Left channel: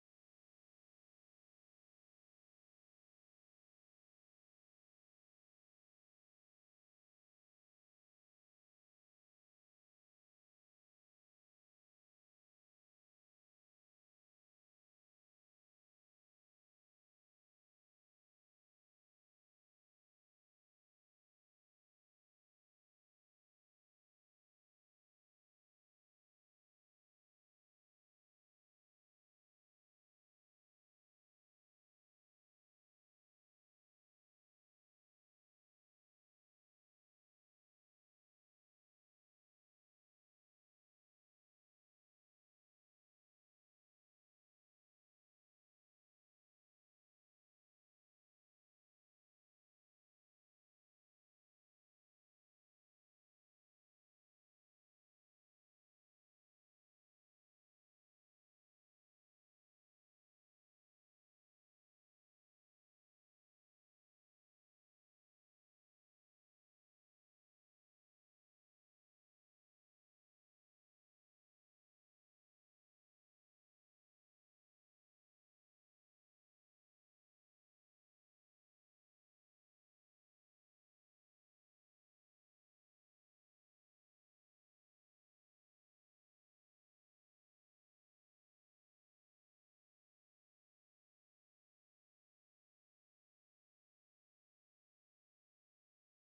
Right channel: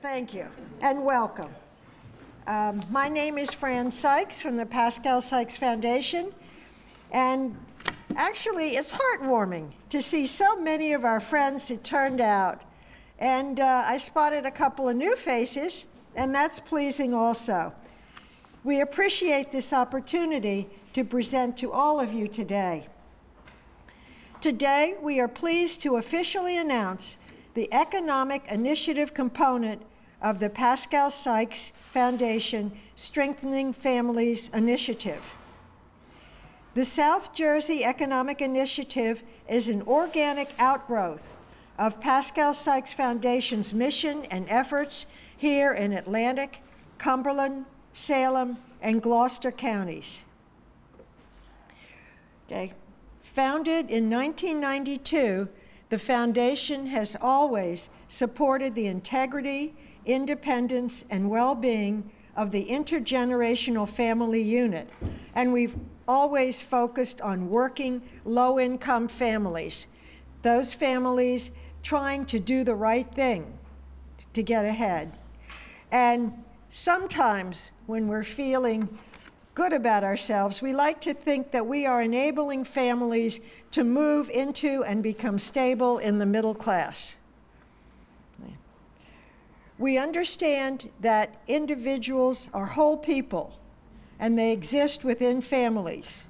Thank you, and welcome. My name is Fran Sykes from the Pascale Sykes Foundation, and actually it's heartwarming to see so many of our friends that turned out. And I spotted a couple of new faces, and that's pleasing also. We appreciate this opportunity to present to all of you today. Today, we are pleased to officially announce the economic initiative component of the Pascale Sykes Foundation Strengthening Families Initiative. The South Jersey Economic Initiative is an organic outgrowth of Pascale Sykes Foundation's mission and efforts here in Atlantic, Cumberland, Salem, and Gloucester counties. Okay. Founded in 1992, the foundation has always supported the integrity, independence, and well-being of the intergenerational family unit, and we've always focused on working low-income families, those families trying to do the right thing to get ahead. And sometimes when we're feeling good about ourselves, we like to think that we are enabling families to move into and become stable in the middle class. We understand that individuals are whole people, and they exist within families.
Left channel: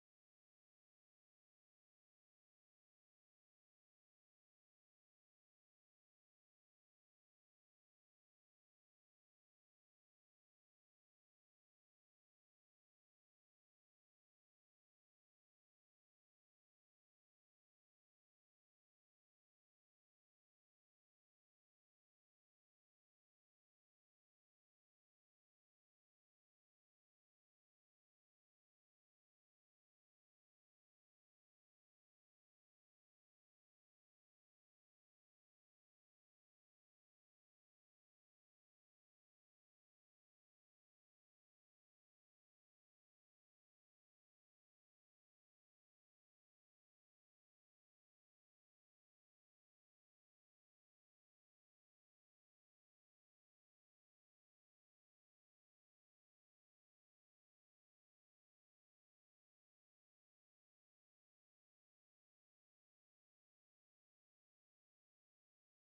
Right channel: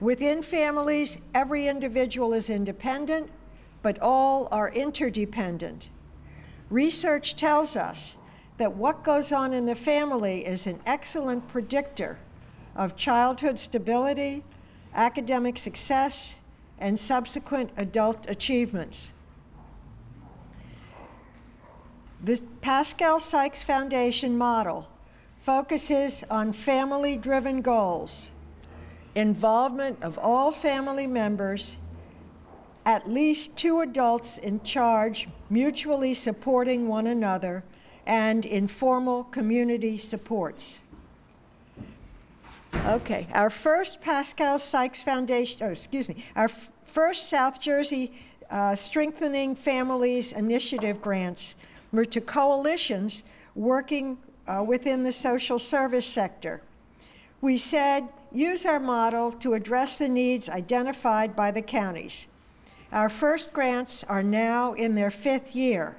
Within families, every individual is independent, but all are interdependent. Research tells us that what goes on in the family is an excellent predictor of childhood stability, academic success, and subsequent adult achievements. The Pascale Sykes Foundation model focuses on family-driven goals, involvement of all family members, at least 2 adults in charge, mutually supporting one another, and informal community supports. Okay, our first Pascale Sykes Foundation, our first South Jersey Strengthening Families Initiative grants were to coalitions working within the social service sector. We said, use our model to address the needs identified by the counties. Our first grants are now in their 5th year.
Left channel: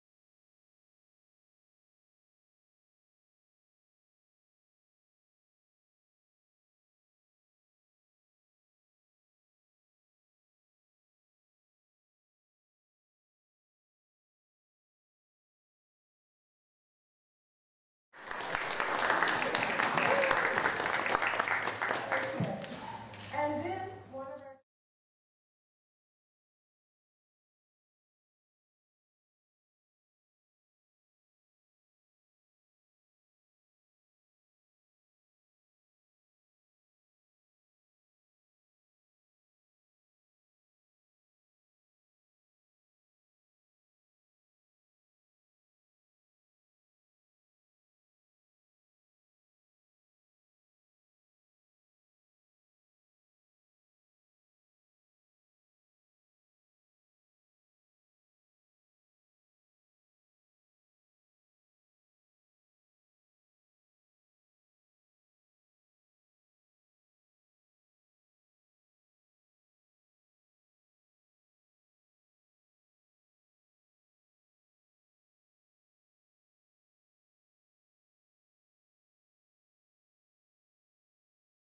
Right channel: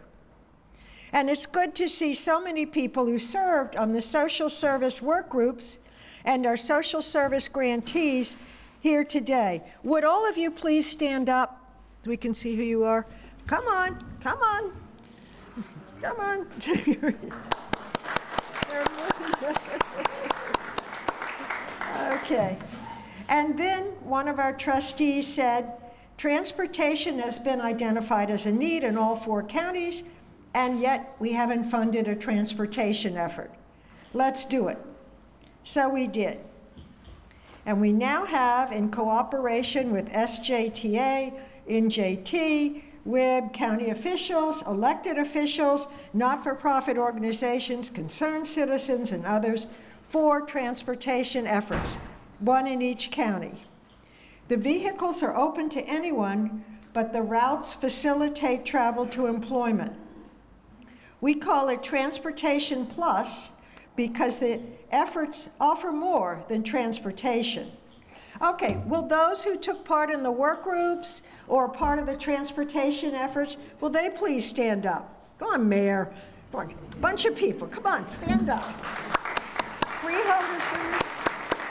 And it's good to see so many people who served on the social service work groups and our social service grantees here today. Would all of you please stand up so we can see who you are? Come on, come on, come on. Okay. And then one of our trustees said, transportation has been identified as a need in all 4 counties, and yet we haven't funded a transportation effort. Let's do it. So we did. And we now have, in cooperation with SJTA, NJT, WIB, county officials, elected officials, not-for-profit organizations, concerned citizens, and others, 4 transportation efforts, 1 in each county. The vehicles are open to anyone, but the routes facilitate travel to employment. We call it Transportation Plus because the efforts offer more than transportation. Okay, will those who took part in the work groups or part of the transportation efforts, will they please stand up? Go on, Mayor. Come on. Bunch of people, come on, stand up. Freeholders,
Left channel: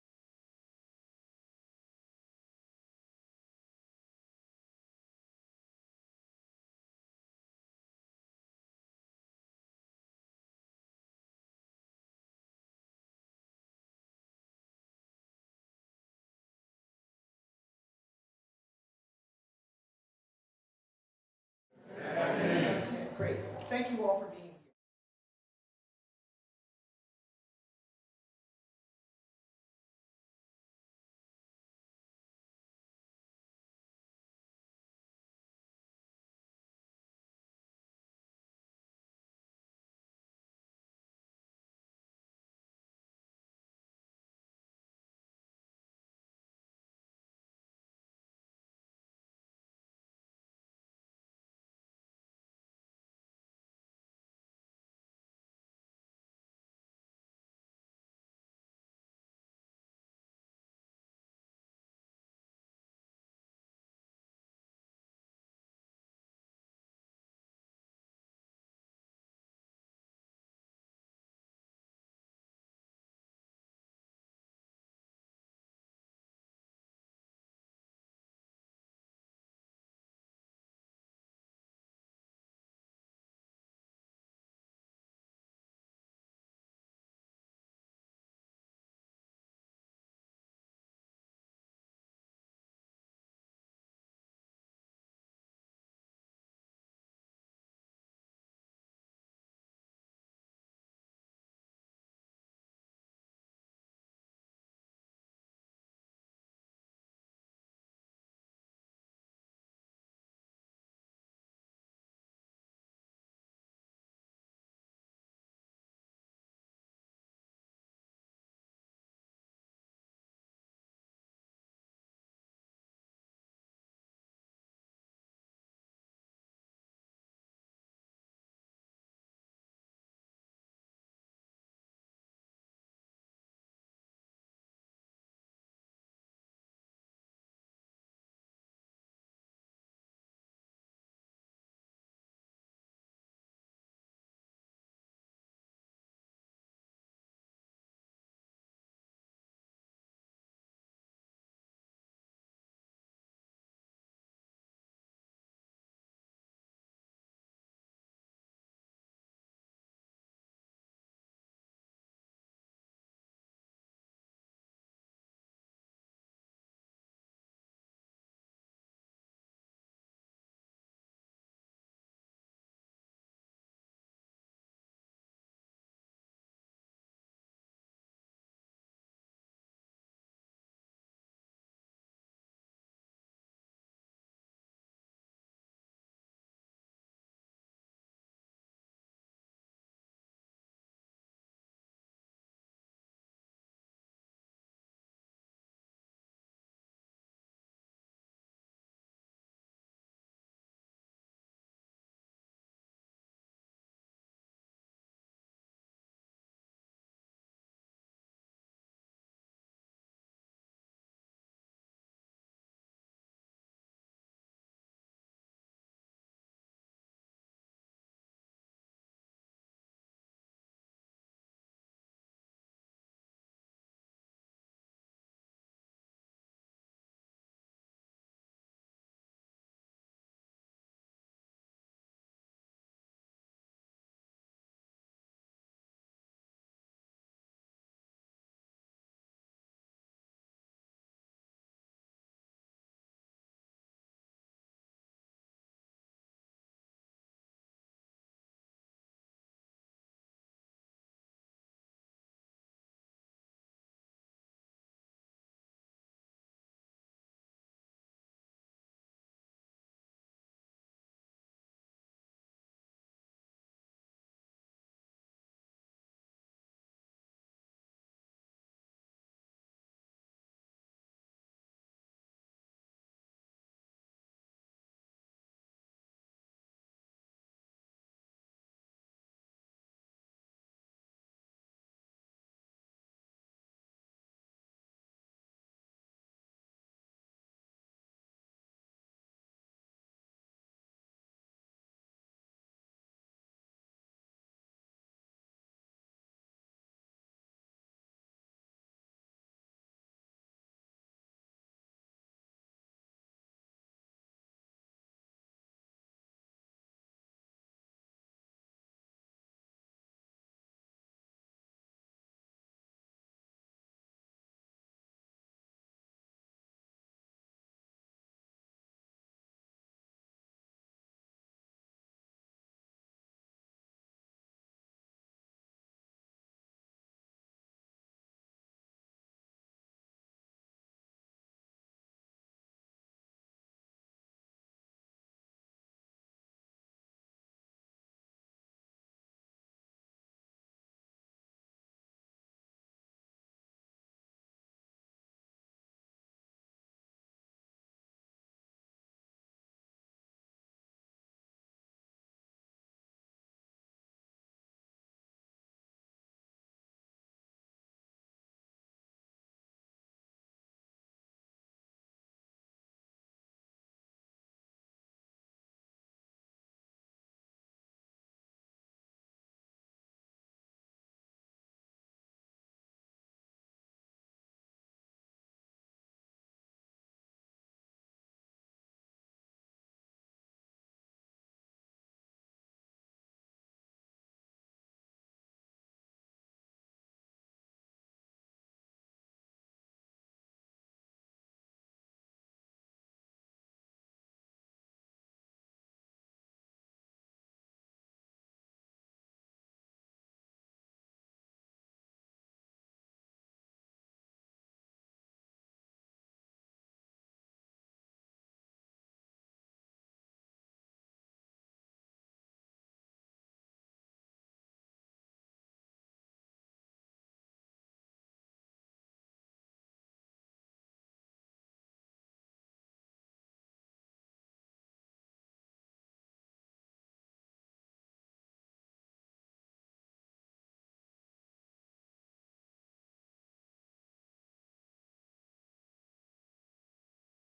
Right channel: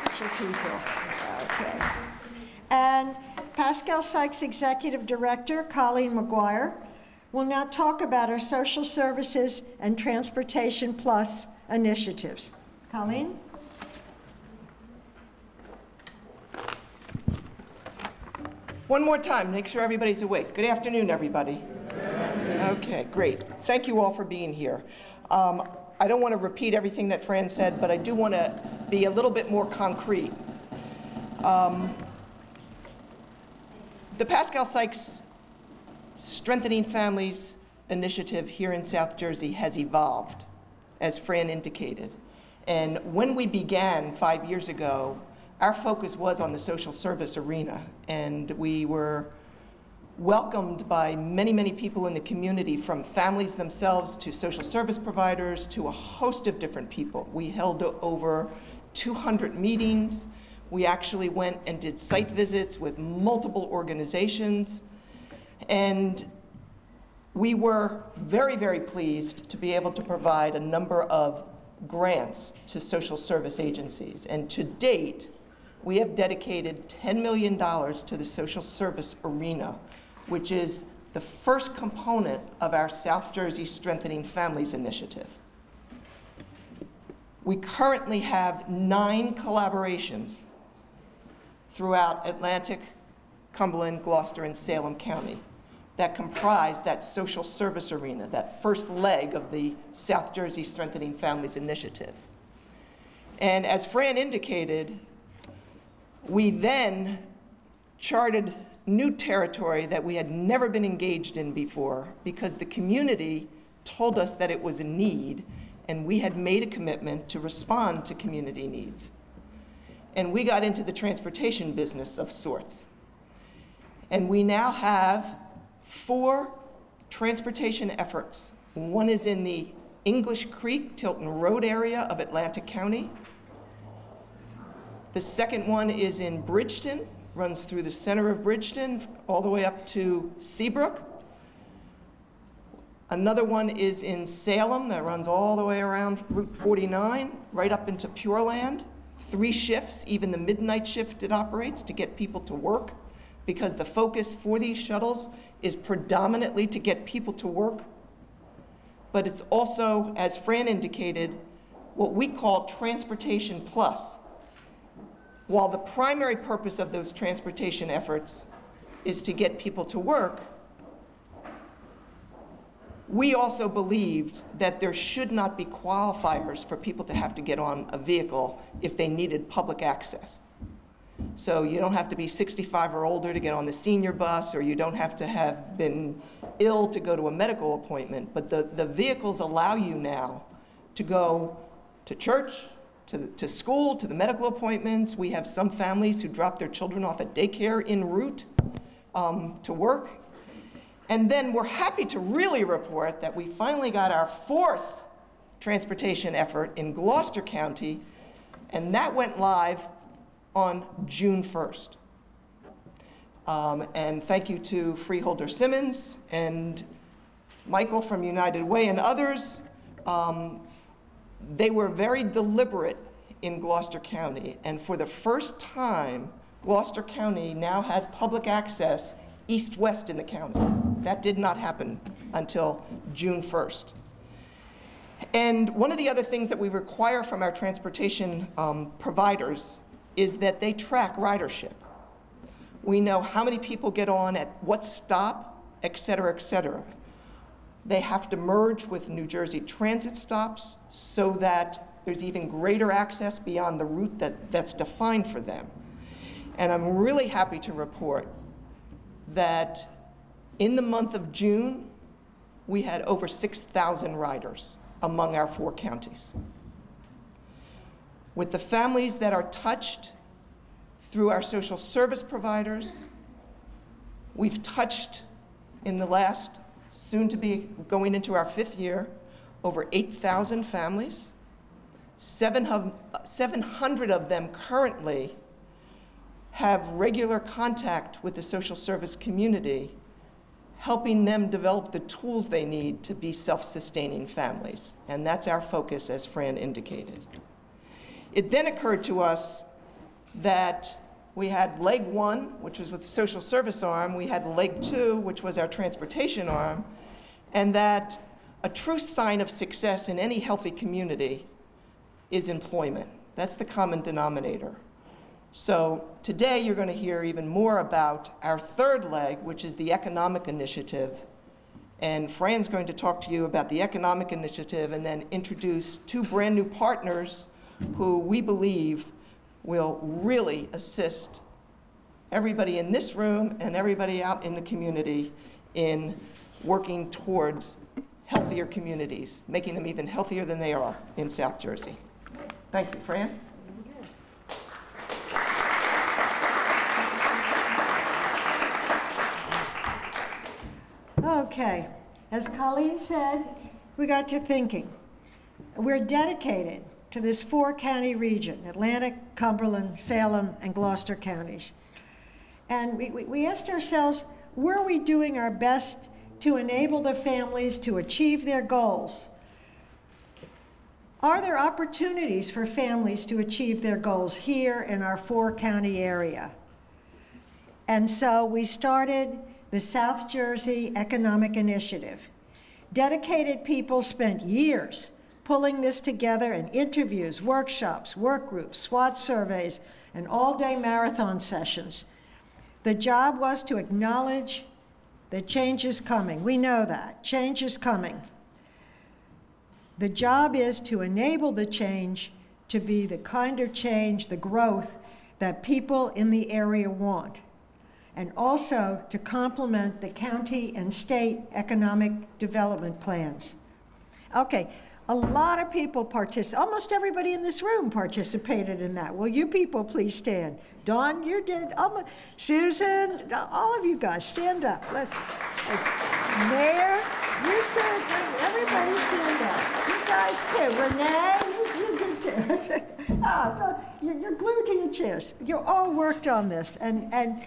bunch of people. Okay. And Pascale Sykes Executive Director, Colleen McGuire, will now talk about our social services and Transportation Plus initiatives. Colleen? One more time, make sure everybody's awake. Good afternoon, everybody. Okay, great. Thank you all for being here. I don't want to repeat everything that Fran said, but I do want to be a little bit more concrete. The Pascale Sykes Strengthening Families Initiative here in South Jersey has evolved, as Fran indicated. And when we began 5 years ago, our focus was on the social service arena, and we were welcomed by many, many people in the community, from families themselves to social service providers to a host of different people. We held over 200 meetings. We actually went and did site visits with multiple organizations. And we were very, very pleased to be able to provide a number of grants to social service agencies. And to date, we have dedicated $10 million to the social service arena, which is the first component of our South Jersey Strengthening Families Initiative. We currently have 9 collaborations throughout Atlantic, Cumberland, Gloucester, and Salem County that comprise that social service arena, that first leg of the South Jersey Strengthening Families Initiative. And as Fran indicated, we then charted new territory that we had never been engaged in before, because the community told us that it was a need, and we had made a commitment to respond to community needs. And we got into the transportation business of sorts. And we now have 4 transportation efforts. One is in the English Creek, Tilton Road area of Atlantic County. The second one is in Bridgeton, runs through the center of Bridgeton all the way up to Seabrook. Another one is in Salem that runs all the way around Route 49, right up into Pure Land. 3 shifts, even the midnight shift it operates to get people to work, because the focus for these shuttles is predominantly to get people to work. But it's also, as Fran indicated, what we call Transportation Plus. While the primary purpose of those transportation efforts is to get people to work, we also believed that there should not be qualifiers for people to have to get on a vehicle if they needed public access. So you don't have to be 65 or older to get on the senior bus, or you don't have to have been ill to go to a medical appointment, but the vehicles allow you now to go to church, to school, to the medical appointments. We have some families who drop their children off at daycare en route to work. And then we're happy to really report that we finally got our 4th transportation effort in Gloucester County, and that went live on June 1st. And thank you to Freeholder Simmons and Michael from United Way and others. They were very deliberate in Gloucester County, and for the first time, Gloucester County now has public access east-west in the county. That did not happen until June 1st. And one of the other things that we require from our transportation providers is that they track ridership. We know how many people get on at what stop, et cetera, et cetera. They have to merge with New Jersey Transit stops so that there's even greater access beyond the route that's defined for them. And I'm really happy to report that in the month of June, we had over 6,000 riders among our 4 counties. With the families that are touched through our social service providers, we've touched in the last, soon to be going into our 5th year, over 8,000 families. 700 of them currently have regular contact with the social service community, helping them develop the tools they need to be self-sustaining families. And that's our focus, as Fran indicated. It then occurred to us that we had leg 1, which was with the social service arm, we had leg 2, which was our transportation arm, and that a true sign of success in any healthy community is employment. That's the common denominator. So today you're going to hear even more about our 3rd leg, which is the economic initiative. And Fran's going to talk to you about the economic initiative and then introduce 2 brand new partners who we believe will really assist everybody in this room and everybody out in the community in working towards healthier communities, making them even healthier than they are in South Jersey. Thank you, Fran. Okay, as Colleen said, we got to thinking. We're dedicated to this 4-county region, Atlantic, Cumberland, Salem, and Gloucester counties. And we asked ourselves, were we doing our best to enable the families to achieve their goals? Are there opportunities for families to achieve their goals here in our 4-county area? And so we started the South Jersey Economic Initiative. Dedicated people spent years pulling this together in interviews, workshops, work groups, SWOT surveys, and all-day marathon sessions. The job was to acknowledge that change is coming. We know that. Change is coming. The job is to enable the change to be the kind of change, the growth, that people in the area want, and also to complement the county and state economic development plans. Okay, a lot of people almost everybody in this room participated in that. Will you people please stand? Dawn, you did. Susan, all of you guys, stand up. Mayor, you stand up. Everybody stand up. You guys too. Renee, you did too. You're glued to your chairs. You all worked on this. And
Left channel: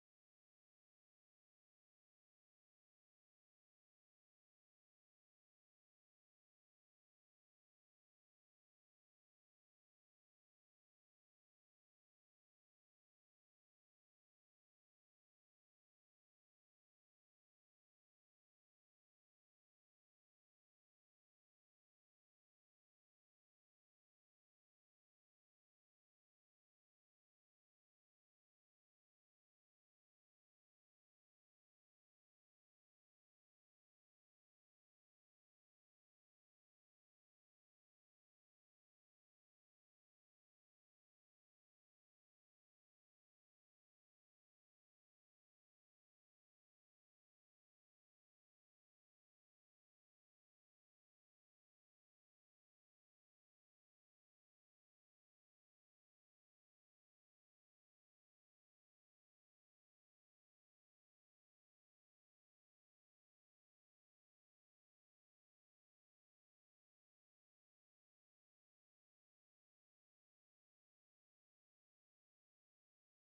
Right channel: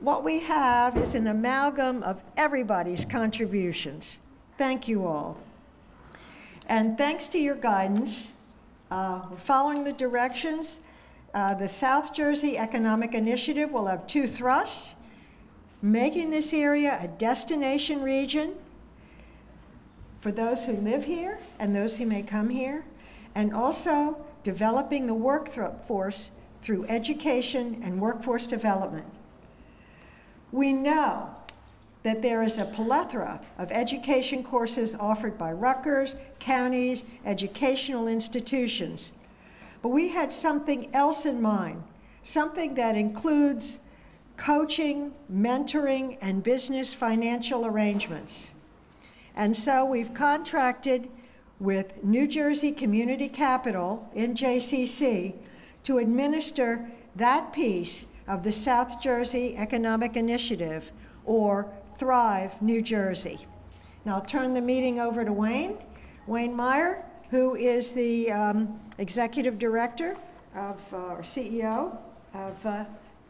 what we have is an amalgam of everybody's contributions. Thank you all. And thanks to your guidance, we're following the directions. The South Jersey Economic Initiative will have 2 thrusts, making this area a destination region for those who live here and those who may come here, and also developing the workforce through education and workforce development. We know that there is a plethora of education courses offered by Rutgers, counties, educational institutions. But we had something else in mind, something that includes coaching, mentoring, and business financial arrangements. And so we've contracted with New Jersey Community Capital in JCC to administer that piece of the South Jersey Economic Initiative, or Thrive New Jersey. Now I'll turn the meeting over to Wayne Meyer, who is the Executive Director of, or CEO of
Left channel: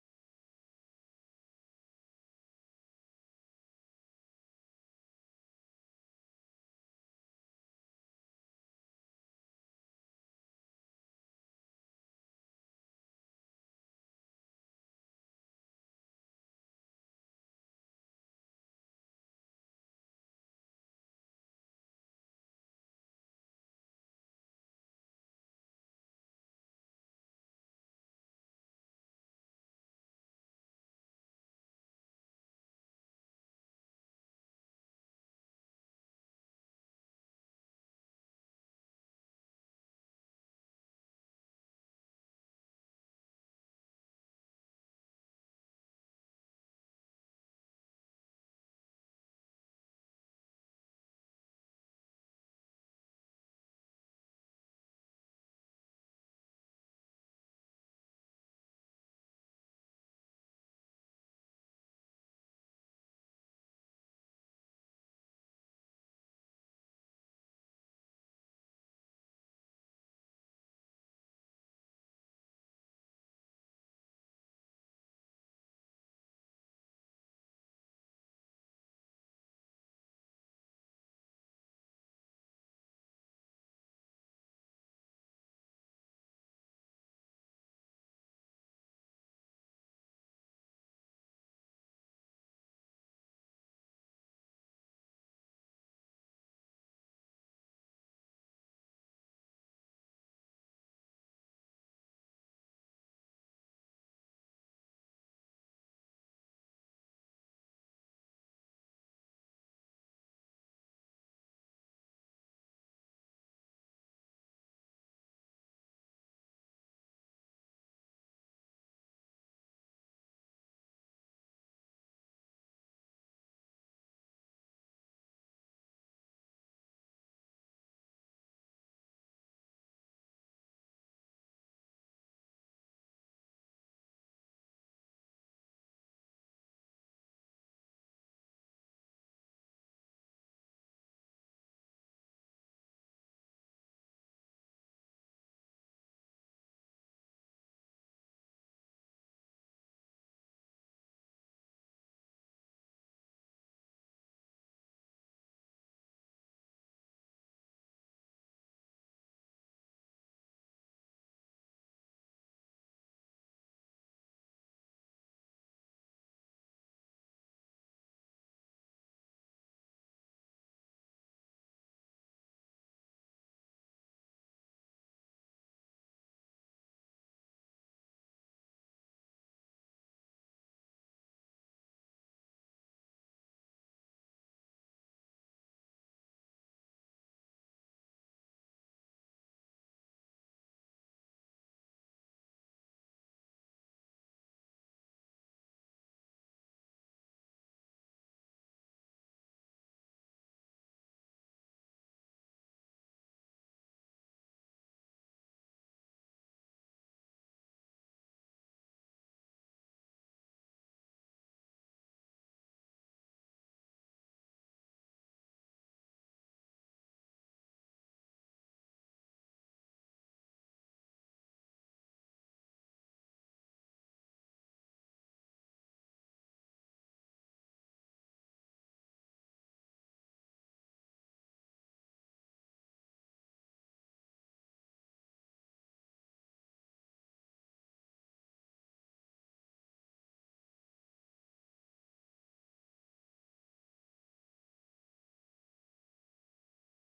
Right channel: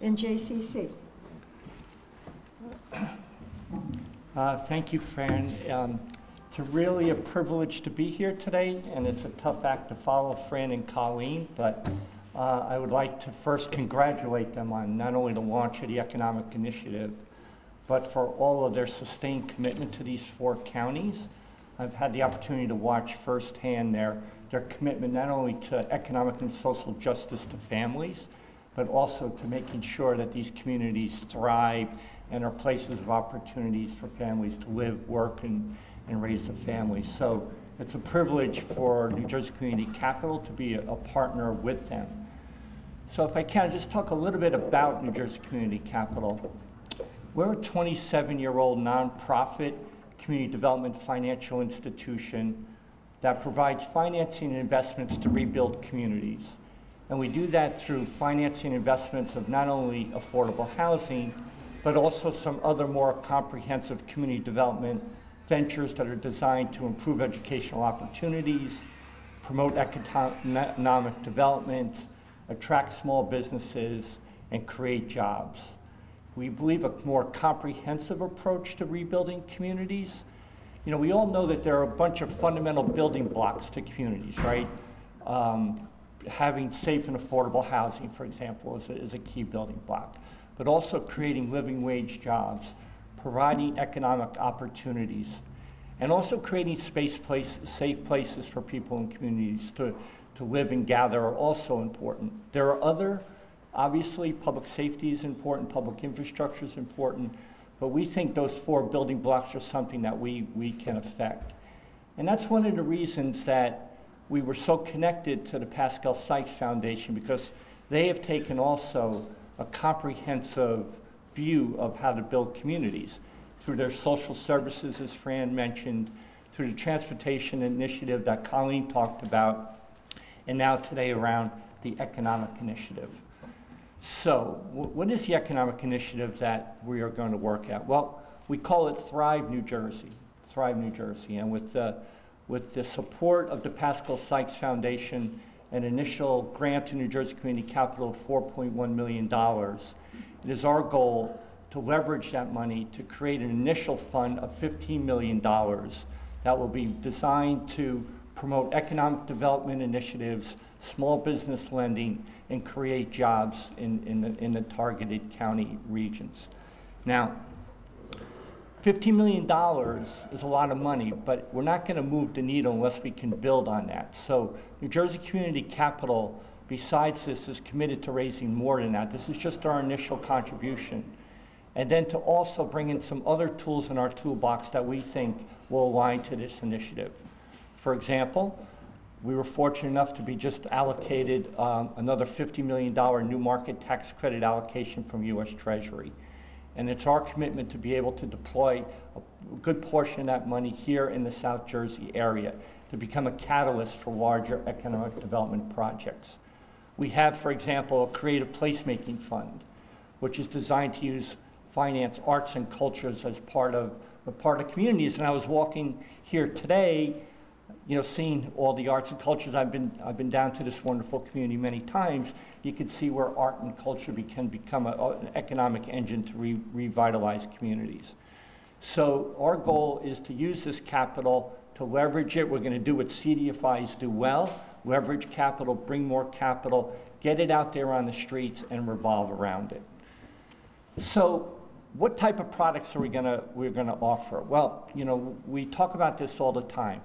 NJCC. Thank you, Fran. It's really a privilege to be here today, and it's a tough act to follow Fran and Colleen, but I would like to first congratulate them on not only the launch of the Economic Initiative, but for all of their sustained commitment to these 4 counties. I've had the opportunity to watch firsthand their commitment not only to economic and social justice to families, but also to making sure that these communities thrive and are places of opportunities for families to live, work, and raise a family. So it's a privilege for New Jersey Community Capital to be a partner with them. So if I can, just talk a little bit about New Jersey Community Capital. We're a 27-year-old nonprofit community development financial institution that provides financing and investments to rebuild communities. And we do that through financing investments of not only affordable housing, but also some other more comprehensive community development ventures that are designed to improve educational opportunities, promote economic development, attract small businesses, and create jobs. We believe a more comprehensive approach to rebuilding communities. You know, we all know that there are a bunch of fundamental building blocks to communities, right? Having safe and affordable housing, for example, is a key building block, but also creating living wage jobs, providing economic opportunities, and also creating safe places for people and communities to live and gather are also important. There are other, obviously, public safety is important, public infrastructure is important, but we think those 4 building blocks are something that we can affect. And that's one of the reasons that we were so connected to the Pascale Sykes Foundation, because they have taken also a comprehensive view of how to build communities through their social services, as Fran mentioned, through the transportation initiative that Colleen talked about, and now today around the economic initiative. So what is the economic initiative that we are going to work at? Well, We call it Thrive New Jersey, Thrive New Jersey. And with the support of the Pascale Sykes Foundation, an initial grant to New Jersey Community Capital of $4.1 million, it is our goal to leverage that money to create an initial fund of $15 million that will be designed to promote economic development initiatives, small business lending, and create jobs in the targeted county regions. Now, $15 million is a lot of money, but we're not going to move the needle unless we can build on that. So New Jersey Community Capital, besides this, is committed to raising more than that. This is just our initial contribution. And then to also bring in some other tools in our toolbox that we think will align to this initiative. For example, we were fortunate enough to be just allocated another $50 million new market tax credit allocation from U.S. Treasury. And it's our commitment to be able to deploy a good portion of that money here in the South Jersey area to become a catalyst for larger economic development projects. We have, for example, a creative placemaking fund, which is designed to finance arts and cultures as part of communities. And I was walking here today, seeing all the arts and cultures. I've been down to this wonderful community many times. You can see where art and culture can become an economic engine to revitalize communities. So our goal is to use this capital to leverage it. We're going to do what CDFIs do well: leverage capital, bring more capital, get it out there on the streets, and revolve around it. So what type of products are we're going to offer? Well, we talk about this all the time.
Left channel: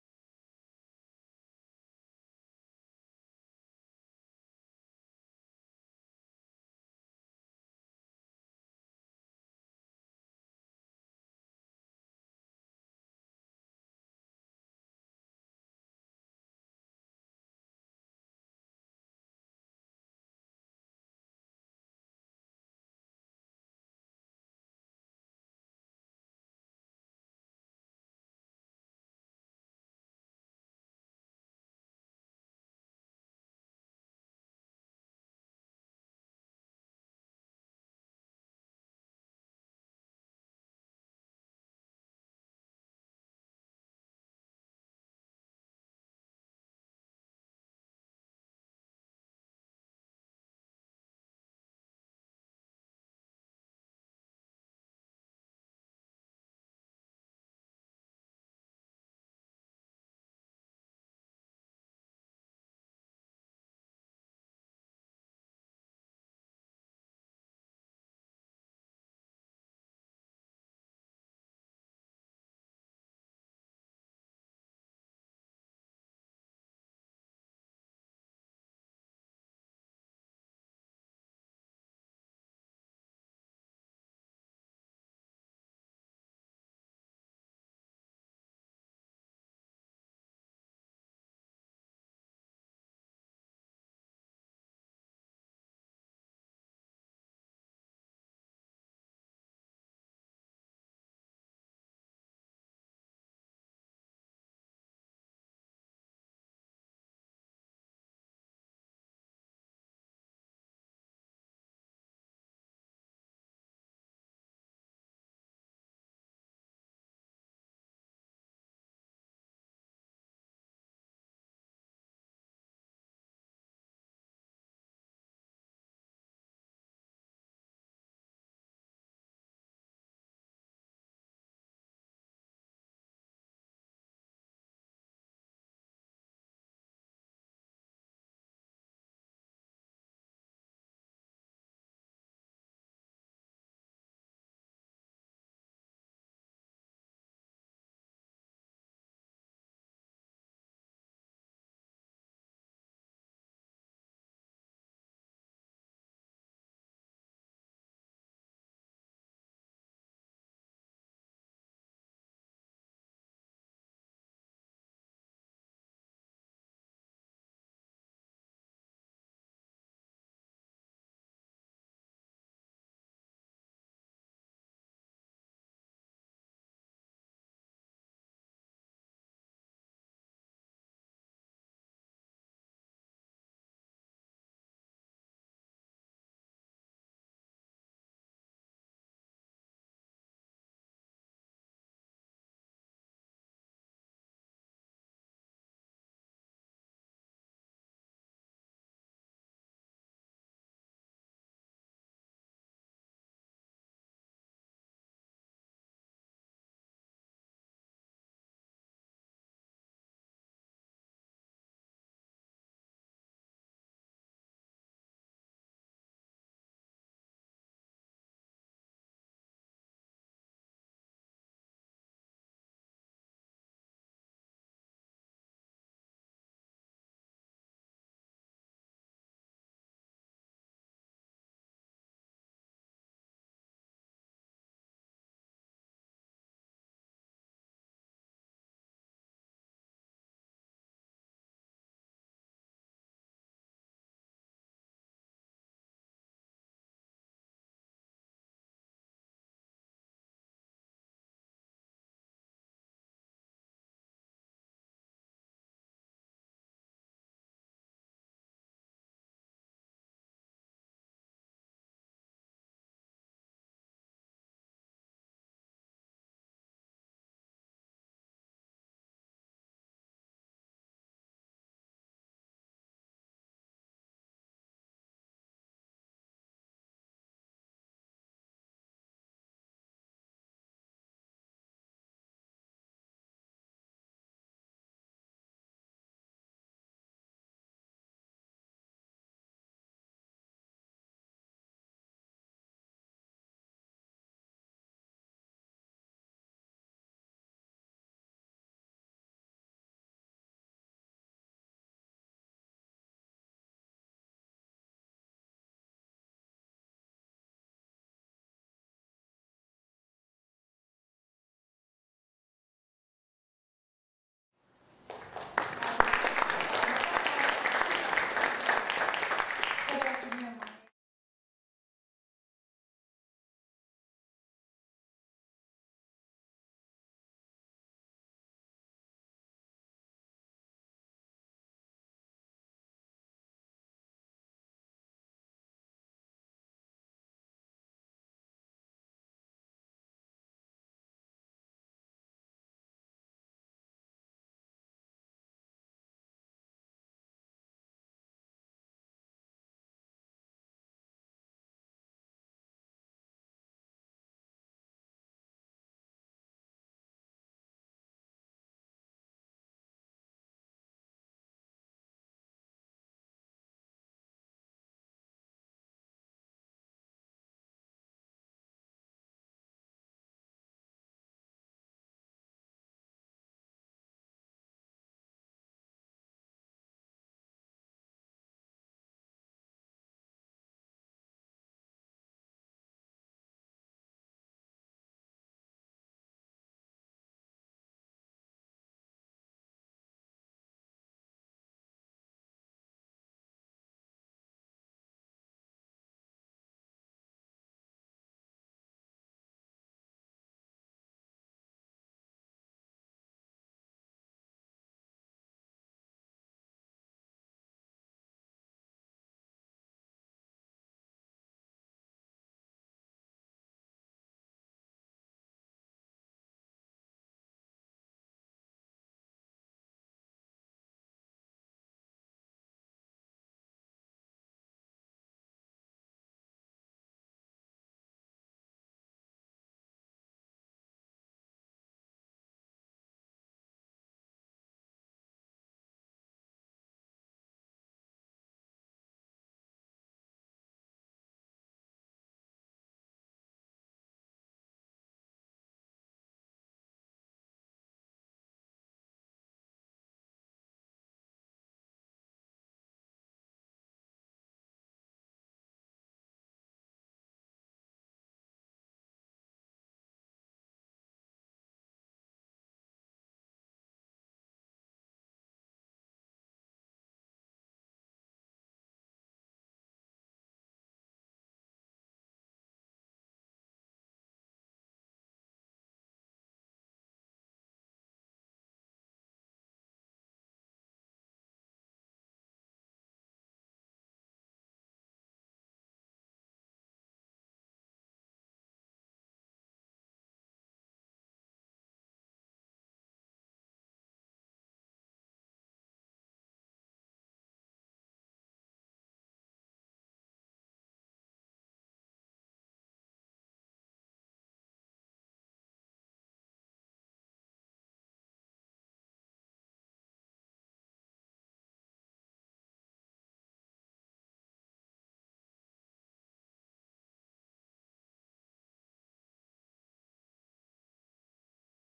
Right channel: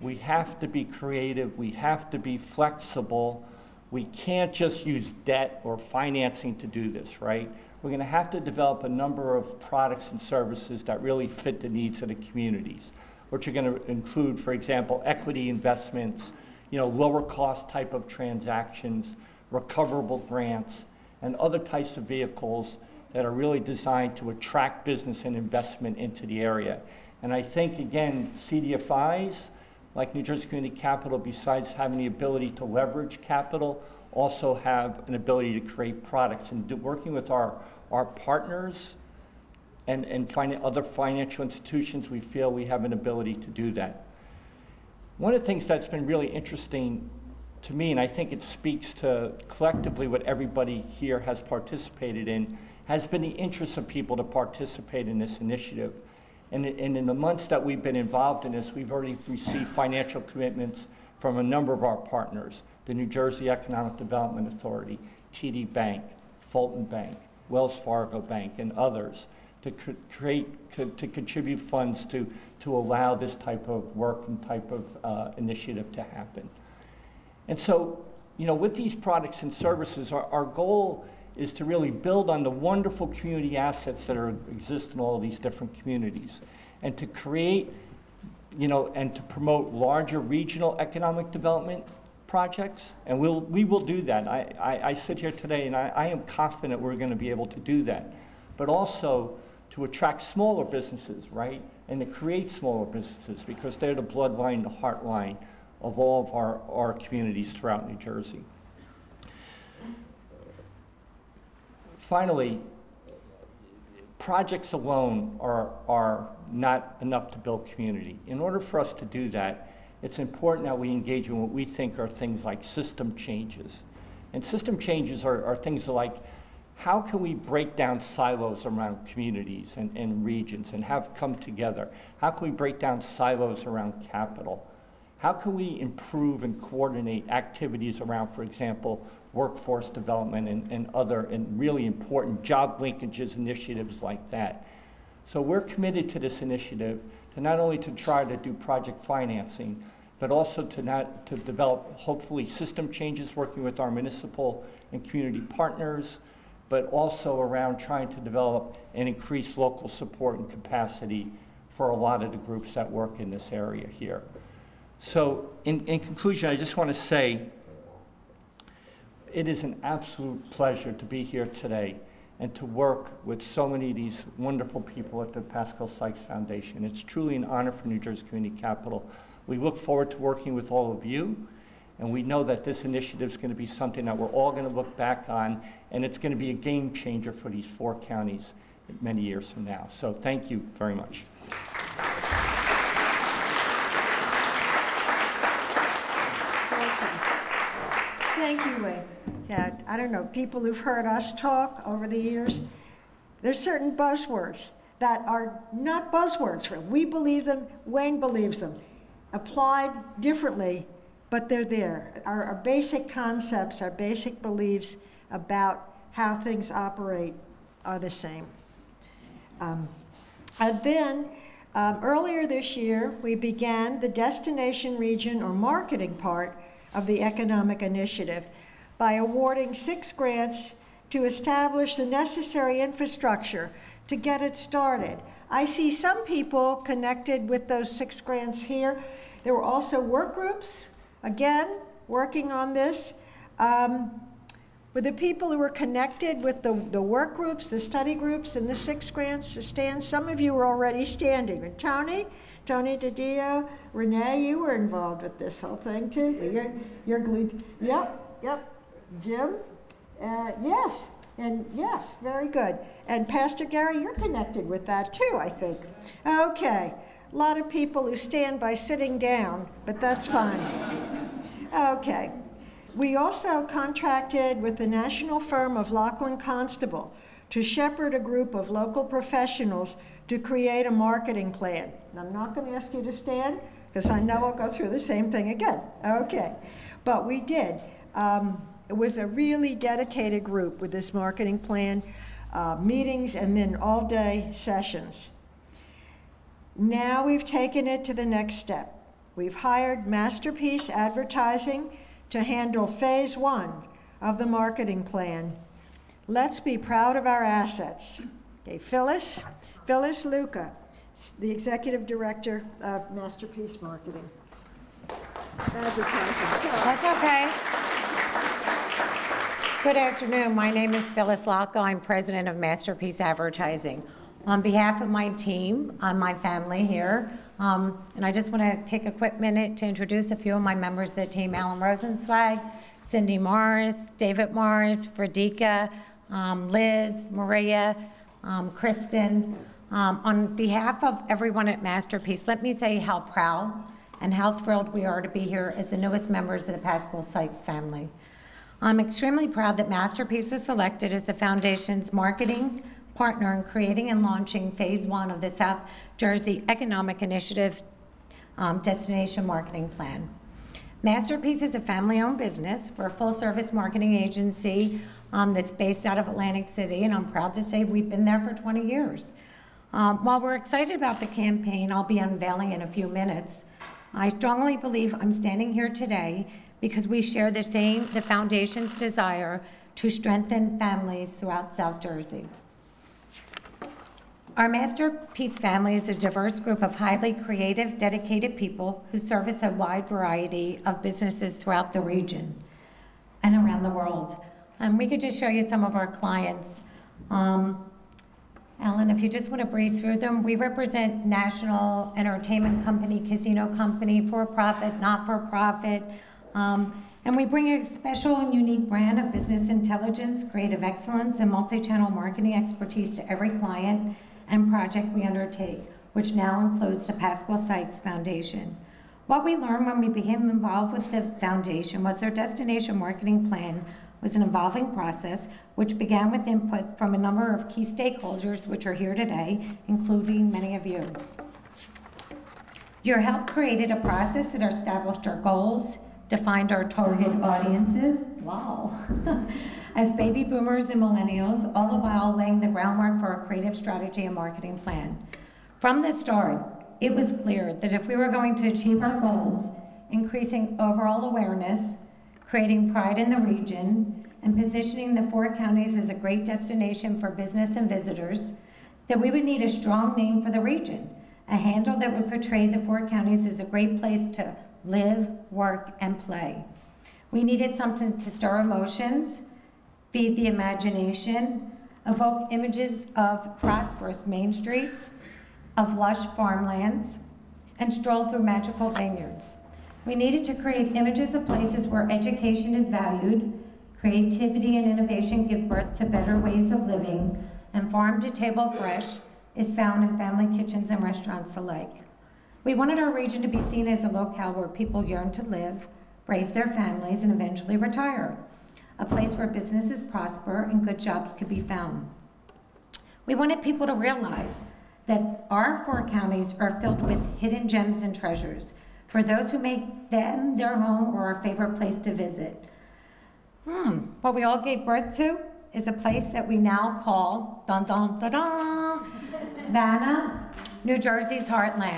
We have to be creative. We have to be flexible. We can't just use debt or financing to do this, right? We're going to have to develop a number of products and services that really fit the needs of the communities, which are going to include, for example, equity investments, lower cost type of transactions, recoverable grants, and other types of vehicles that are really designed to attract business and investment into the area. And I think, again, CDFIs, like New Jersey Community Capital, besides having the ability to leverage capital, also have an ability to create products. And working with our partners and other financial institutions, we feel we have an ability to do that. One of the things that's been really interesting to me, and I think it speaks to collectively what everybody here has participated in, has been the interest of people to participate in this initiative. And in the months that we've been involved in this, we've already received financial commitments from a number of our partners: the New Jersey Economic Development Authority, TD Bank, Fulton Bank, Wells Fargo Bank, and others, to contribute funds to allow this type of work and type of initiative to happen. And so, with these products and services, our goal is to really build on the wonderful community assets that exist in all of these different communities, and to create, and to promote larger regional economic development projects. And we will do that. I sit here today and I am confident we're going to be able to do that. But also to attract smaller businesses, right? And to create smaller businesses, because they're the bloodline, the heartline of all of our communities throughout New Jersey. Finally, projects alone are not enough to build community. In order for us to do that, it's important that we engage in what we think are things like system changes. And system changes are things like, how can we break down silos around communities and regions and have come together? How can we break down silos around capital? How can we improve and coordinate activities around, for example, workforce development and other and really important job linkages initiatives like that? So we're committed to this initiative to not only to try to do project financing, but also to develop, hopefully, system changes working with our municipal and community partners, but also around trying to develop and increase local support and capacity for a lot of the groups that work in this area here. So in conclusion, I just want to say it is an absolute pleasure to be here today and to work with so many of these wonderful people at the Pascale Sykes Foundation. It's truly an honor for New Jersey Community Capital. We look forward to working with all of you, and we know that this initiative is going to be something that we're all going to look back on, and it's going to be a game changer for these 4 counties many years from now. So thank you very much. Thank you, Wayne. Yeah, I don't know, people who've heard us talk over the years, there's certain buzzwords that are not buzzwords. We believe them, Wayne believes them, applied differently, but they're there. Our basic concepts, our basic beliefs about how things operate are the same. And then, earlier this year, we began the destination region or marketing part of the economic initiative by awarding 6 grants to establish the necessary infrastructure to get it started. I see some people connected with those 6 grants here. There were also work groups, again, working on this. With the people who were connected with the work groups, the study groups, and the 6 grants to stand, some of you were already standing. And Tony DiDio, Renee, you were involved with this whole thing too. You're glued. Yep. Jim, yes, and yes, very good. And Pastor Gary, you're connected with that too, I think. Okay, a lot of people who stand by sitting down, but that's fine. Okay, we also contracted with the national firm of Lachlan Constable to shepherd a group of local professionals to create a marketing plan. And I'm not going to ask you to stand, because I know I'll go through the same thing again. Okay, but we did. It was a really dedicated group with this marketing plan, meetings, and then all-day sessions. Now we've taken it to the next step. We've hired Masterpiece Advertising to handle phase 1 of the marketing plan. Let's be proud of our assets. Okay, Phyllis Luca, the Executive Director of Masterpiece Marketing. Advertising. That's okay. Good afternoon. My name is Phyllis Locke. I'm president of Masterpiece Advertising. On behalf of my team, my family here, and I just want to take a quick minute to introduce a few of my members of the team: Alan Rosenzweig, Cindy Morris, David Morris, Frederica, Liz, Maria, Kristen. On behalf of everyone at Masterpiece, let me say how proud and how thrilled we are to be here as the newest members of the Pascale Sykes family. I'm extremely proud that Masterpiece was selected as the Foundation's marketing partner in creating and launching phase 1 of the South Jersey Economic Initiative Destination Marketing Plan. Masterpiece is a family-owned business. We're a full-service marketing agency that's based out of Atlantic City, and I'm proud to say we've been there for 20 years. While we're excited about the campaign I'll be unveiling in a few minutes, I strongly believe I'm standing here today because we share the Foundation's desire to strengthen families throughout South Jersey. Our Masterpiece family is a diverse group of highly creative, dedicated people who service a wide variety of businesses throughout the region and around the world. We could just show you some of our clients. Alan, if you just want to breeze through them, we represent national entertainment company, casino company, for-profit, not-for-profit, and we bring a special and unique brand of business intelligence, creative excellence, and multi-channel marketing expertise to every client and project we undertake, which now includes the Pascale Sykes Foundation. What we learned when we became involved with the foundation was their destination marketing plan was an evolving process which began with input from a number of key stakeholders which are here today, including many of you. Your help created a process that established our goals, defined our target audiences, wow, as baby boomers and millennials, all the while laying the groundwork for a creative strategy and marketing plan. From the start, it was clear that if we were going to achieve our goals, increasing overall awareness, creating pride in the region, and positioning the 4 counties as a great destination for business and visitors, that we would need a strong name for the region, a handle that would portray the 4 counties as a great place to live, work, and play. We needed something to stir emotions, feed the imagination, evoke images of prosperous main streets, of lush farmlands, and stroll through magical vineyards. We needed to create images of places where education is valued, creativity and innovation give birth to better ways of living, and farm to table fresh is found in family kitchens and restaurants alike. We wanted our region to be seen as a locale where people yearn to live, raise their families, and eventually retire. A place where businesses prosper and good jobs could be found. We wanted people to realize that our 4 counties are filled with hidden gems and treasures for those who make them their home or our favorite place to visit. What we all gave birth to is a place that we now call, dun dun dun dun, Vanna, New Jersey's heartland.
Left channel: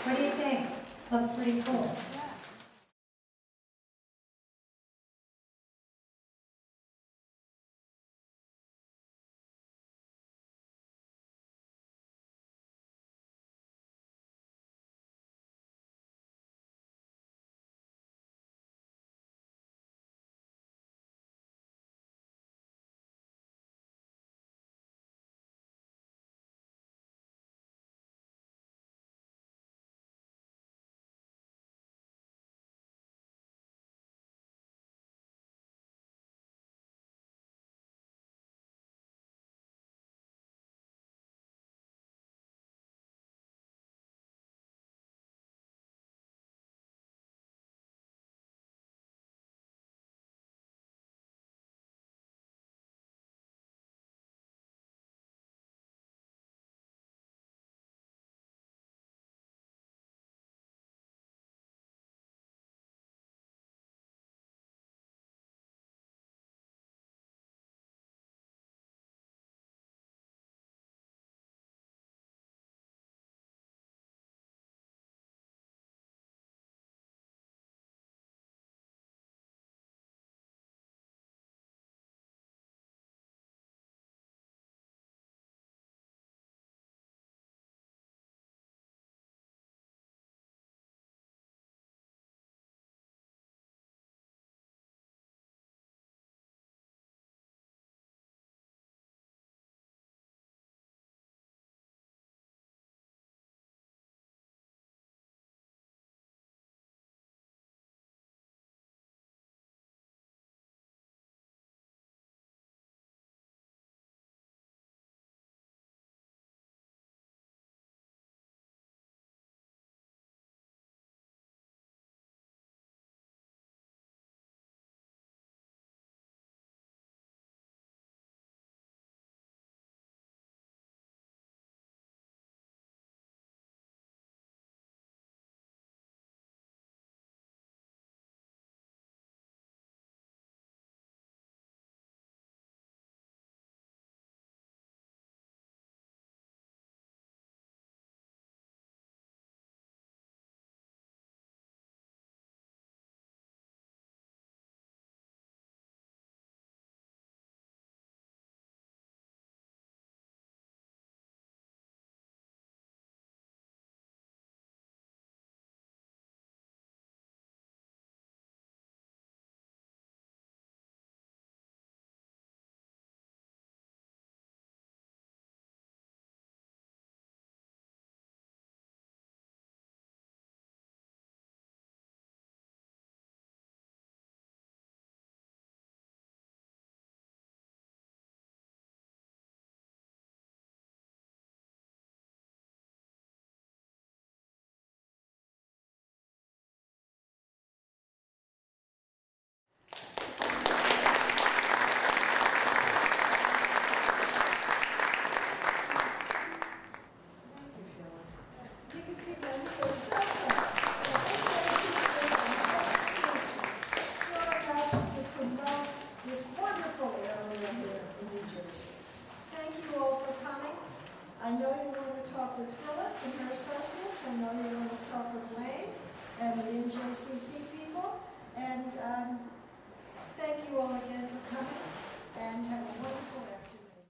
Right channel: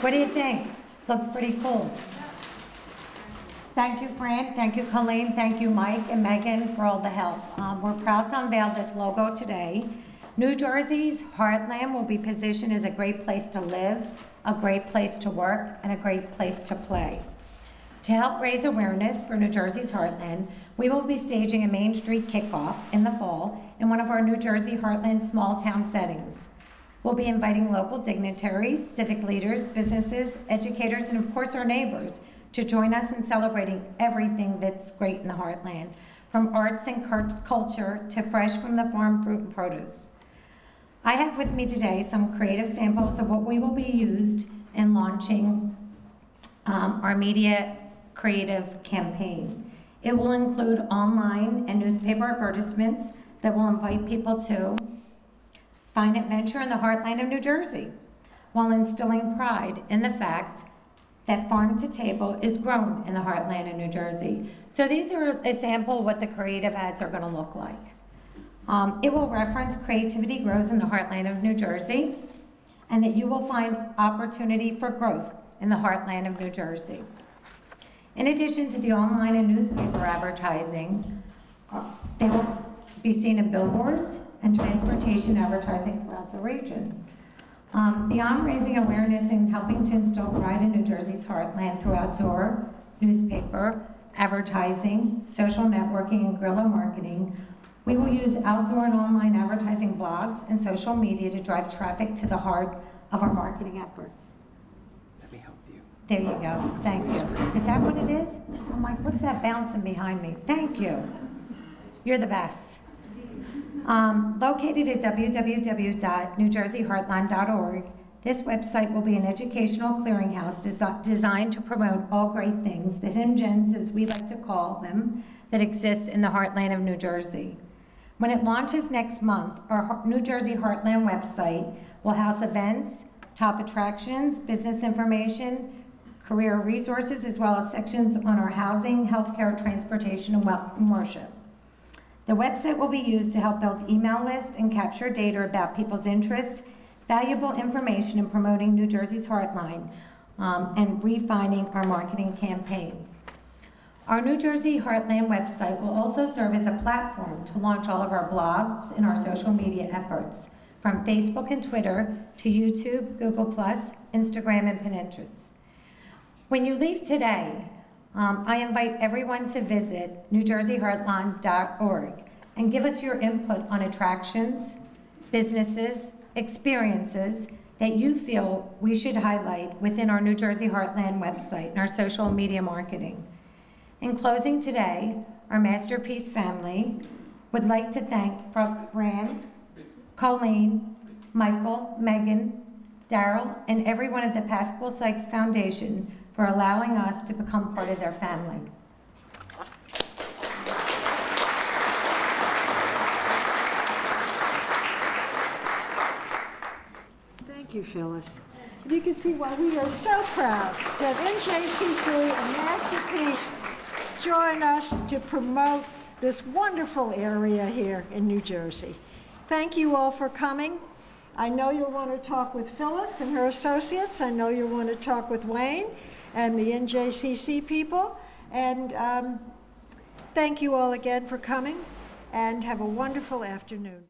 What do you think? Looks pretty cool. Thank you, Fran. Thank you, Colleen. Thank you, Mike and Megan, for all the help. We're proud to unveil this logo today. New Jersey's heartland will be positioned as a great place to live, a great place to work, and a great place to play. To help raise awareness for New Jersey's heartland, we will be staging a Main Street kickoff in the fall in one of our New Jersey heartland small town settings. We'll be inviting local dignitaries, civic leaders, businesses, educators, and of course our neighbors to join us in celebrating everything that's great in the heartland, from arts and culture to fresh from the farm fruit and produce. I have with me today some creative samples of what we will be used in launching our media creative campaign. It will include online and newspaper advertisements that will invite people to find adventure in the heartland of New Jersey, while instilling pride in the fact that farm to table is grown in the heartland of New Jersey. So these are a sample of what the creative ads are gonna look like. It will reference creativity grows in the heartland of New Jersey, and that you will find opportunity for growth in the heartland of New Jersey. In addition to the online and newspaper advertising, they will be seen in billboards and transportation advertising throughout the region. Beyond raising awareness and helping to instill pride in New Jersey's heartland through outdoor, newspaper, advertising, social networking, and guerrilla marketing, we will use outdoor and online advertising blogs and social media to drive traffic to the heart of our marketing efforts. Let me help you. There you go, thank you. Is that what it is? I'm like, what's that bouncing behind me? Thank you. You're the best. Located at www.newjerseyheartland.org, this website will be an educational clearinghouse designed to promote all great things, the hidden gems, as we like to call them, that exist in the heartland of New Jersey. When it launches next month, our New Jersey Heartland website will house events, top attractions, business information, career resources, as well as sections on our housing, healthcare, transportation, and worship. The website will be used to help build email lists and capture data about people's interests, valuable information in promoting New Jersey's heartland, and refining our marketing campaign. Our New Jersey Heartland website will also serve as a platform to launch all of our blogs and our social media efforts, from Facebook and Twitter to YouTube, Google+, Instagram, and Pinterest. When you leave today, I invite everyone to visit newjerseyheartland.org and give us your input on attractions, businesses, experiences that you feel we should highlight within our New Jersey Heartland website and our social media marketing. In closing today, our Masterpiece family would like to thank Fran, Colleen, Michael, Megan, Daryl, and everyone at the Pascale Sykes Foundation for allowing us to become part of their family. Thank you, Phyllis. You can see why we are so proud that NJCC and Masterpiece join us to promote this wonderful area here in New Jersey. Thank you all for coming. I know you'll want to talk with Phyllis and her associates. I know you'll want to talk with Wayne and the NJCC people. And thank you all again for coming, and have a wonderful afternoon.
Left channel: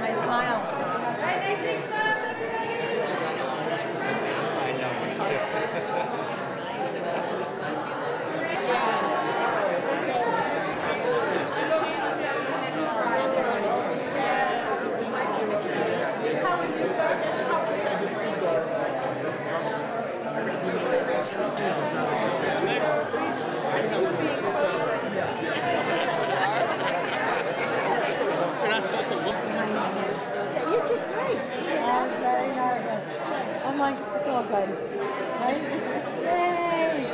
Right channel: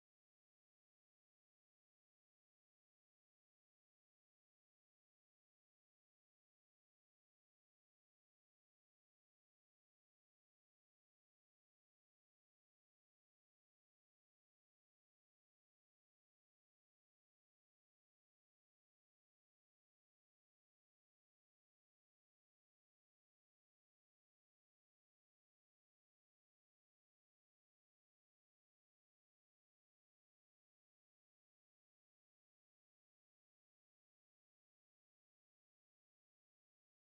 My smile. like, it's all good, right? Yay!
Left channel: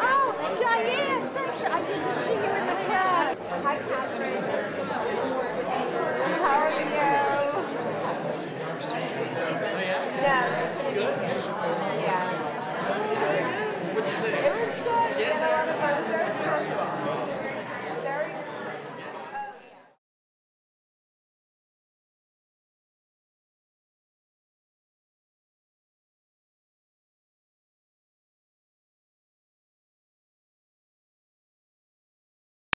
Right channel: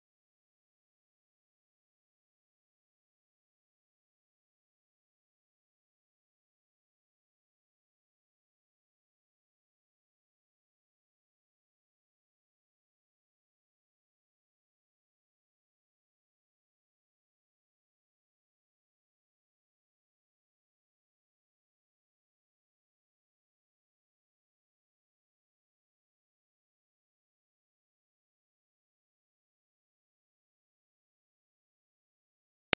Oh, Diane, thanks. I didn't see you in the crowd. How